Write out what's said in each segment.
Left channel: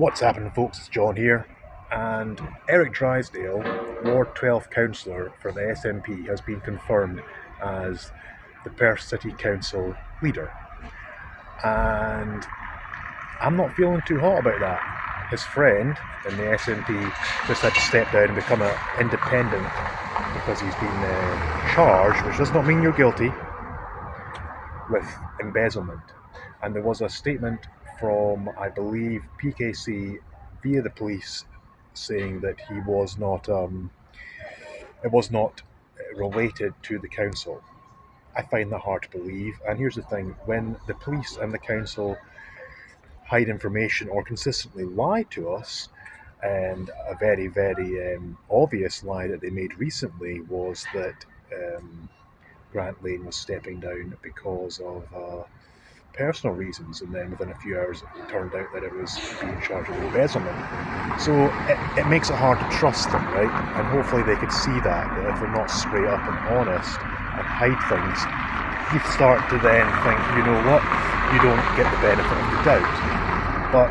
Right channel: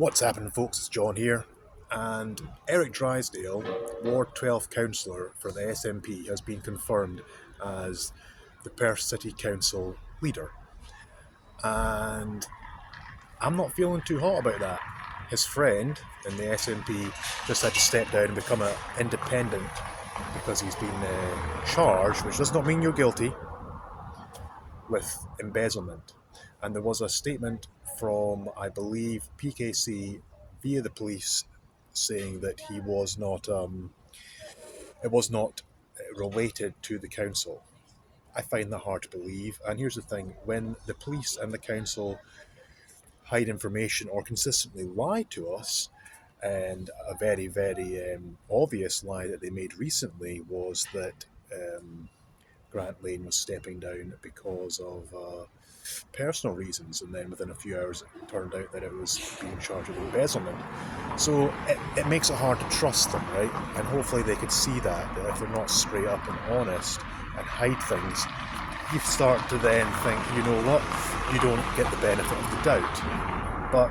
What's happening, folks? It's John here, and Eric Drysdale, Ward 12 councillor for the SNP, has been confirmed as the Perth City Council leader. And I'm not feeling too hot about that. His friend in the SNP just had to step down and become an independent because he's been charged, which does not mean you're guilty, with embezzlement. And there was a statement from, I believe, PKC via the police saying that he was not, it was not related to the council. I find that hard to believe. And here's the thing: when the police and the council hide information or consistently lie to us, and a very, very obvious lie that they made recently was that Grant Laing was stepping down because of personal reasons, and then within a few hours it turned out that it was being charged with embezzlement. So it makes it hard to trust them, right? And hopefully they could see that if they're not straight up and honest and hide things, you start to then think, you know what, you don't get the benefit of the doubt. But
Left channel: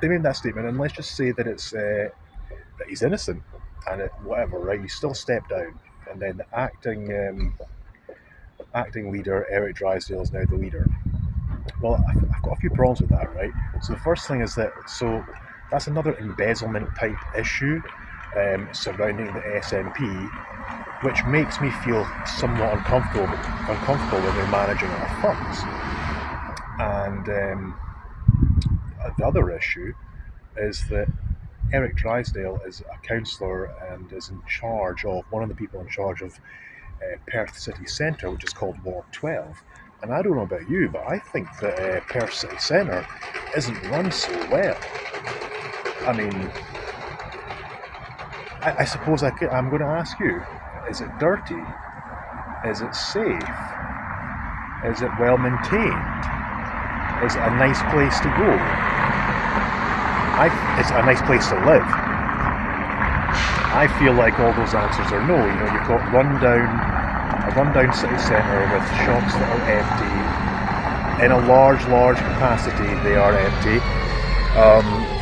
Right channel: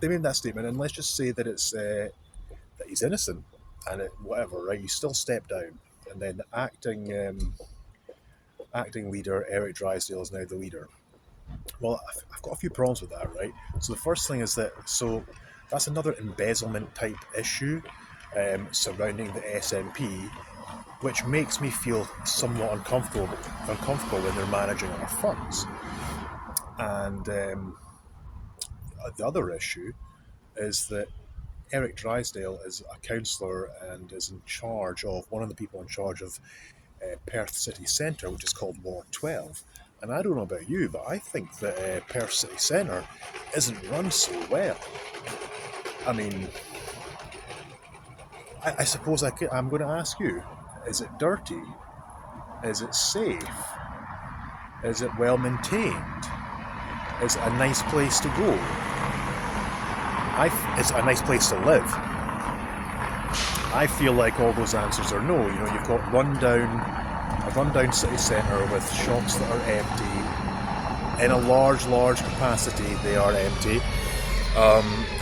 they made that statement, and let's just say that it's that he's innocent and whatever, right? You still step down, and then the acting leader, Eric Drysdale, is now the leader. Well, I've got a few problems with that, right? So the first thing is that, so that's another embezzlement type issue surrounding the SNP, which makes me feel somewhat uncomfortable when they're managing our funds. And the other issue is that Eric Drysdale is a councillor and is in charge of, one of the people in charge of Perth City Centre, which is called Ward 12. And I don't know about you, but I think that Perth City Centre isn't run so well. I mean, I suppose I'm going to ask you, is it dirty? Is it safe? Is it well maintained? Is it a nice place to go? It's a nice place to live. I feel like all those answers are no. You know, you've got a rundown city centre with shops that are empty. In a large capacity, they are empty.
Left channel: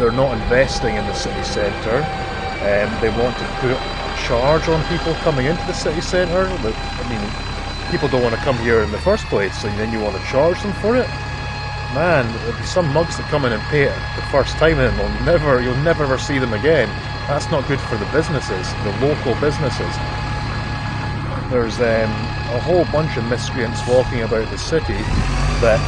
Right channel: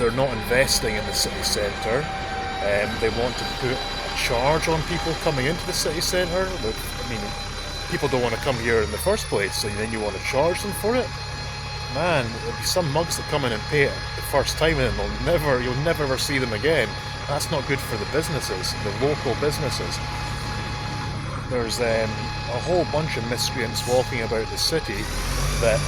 They're not investing in the city centre. They want to put a charge on people coming into the city centre. I mean, people don't want to come here in the first place, and then you want to charge them for it? Man, there'll be some mugs that come in and pay it the first time, and you'll never ever see them again. That's not good for the businesses, the local businesses. There's a whole bunch of miscreants walking about the city that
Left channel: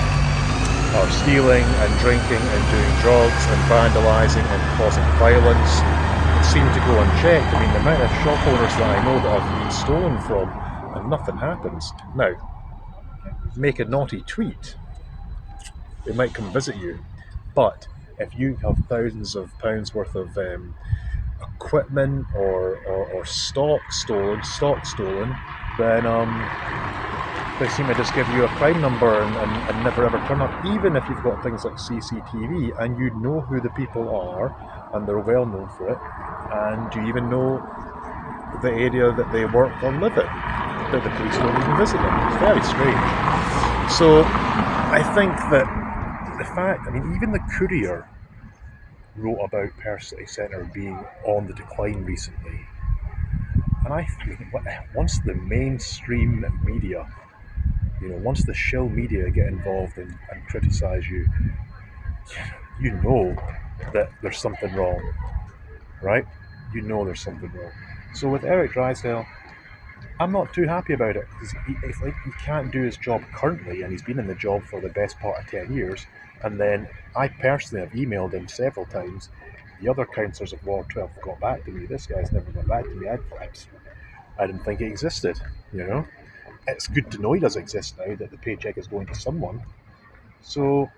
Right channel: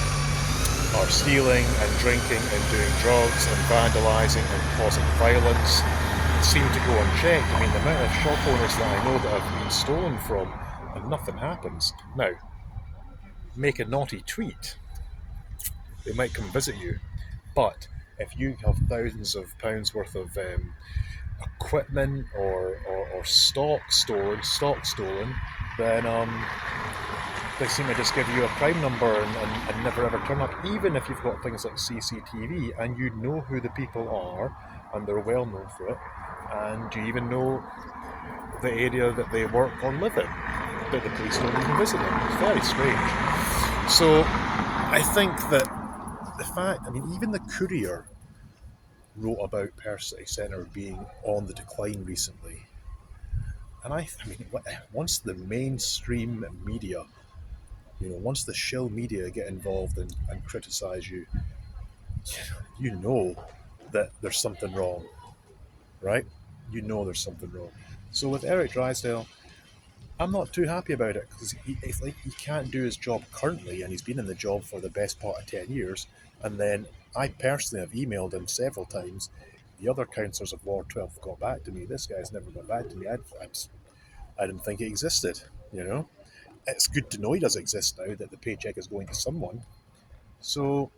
are stealing and drinking and doing drugs and vandalising and causing violence. They seem to go unchecked. I mean, the amount of shop owners that I know that have been stolen from, and nothing happens. Now, make a naughty tweet, they might come visit you. But if you have thousands of pounds worth of equipment or stock stolen, then they seem to just give you a crime number and never ever turn up, even if you've got things like CCTV and you know who the people are and they're well known for it, and you even know the area that they work or live in, but the police don't even visit them. It's very strange. So I think that the fact, I mean, even the Courier wrote about Perth City Centre being on the decline recently. And I mean, once the mainstream media, once the shill media get involved and criticise you, you know that there's something wrong, right? You know there's something wrong. So with Eric Drysdale, I'm not too happy about it, because it's like he can't do his job currently, and he's been in the job for the best part of 10 years. And then I personally have emailed him several times. The other councillors of Ward 12 got back to me. This guy's never got back to me. I didn't think he existed, It's good to know he does exist now, that the paycheck is going to someone. So,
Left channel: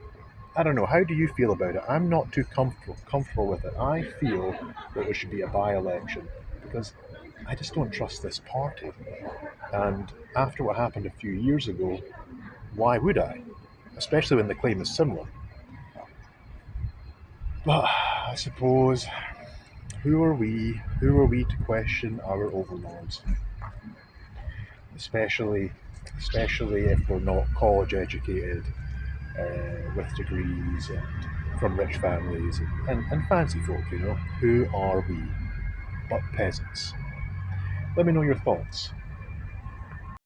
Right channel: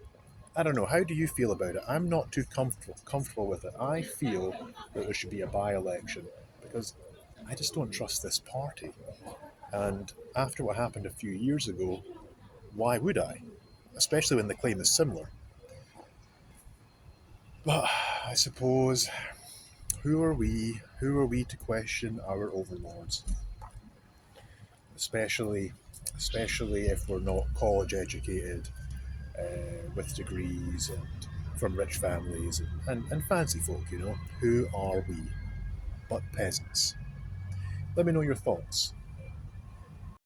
I don't know, how do you feel about it? I'm not too comfortable with it. I feel that there should be a by-election, because I just don't trust this party. And after what happened a few years ago, why would I? Especially when the claim is similar. But I suppose, who are we to question our overlords? Especially if we're not college educated, with degrees and from rich families and fancy folk, you know. Who are we but peasants? Let me know your thoughts.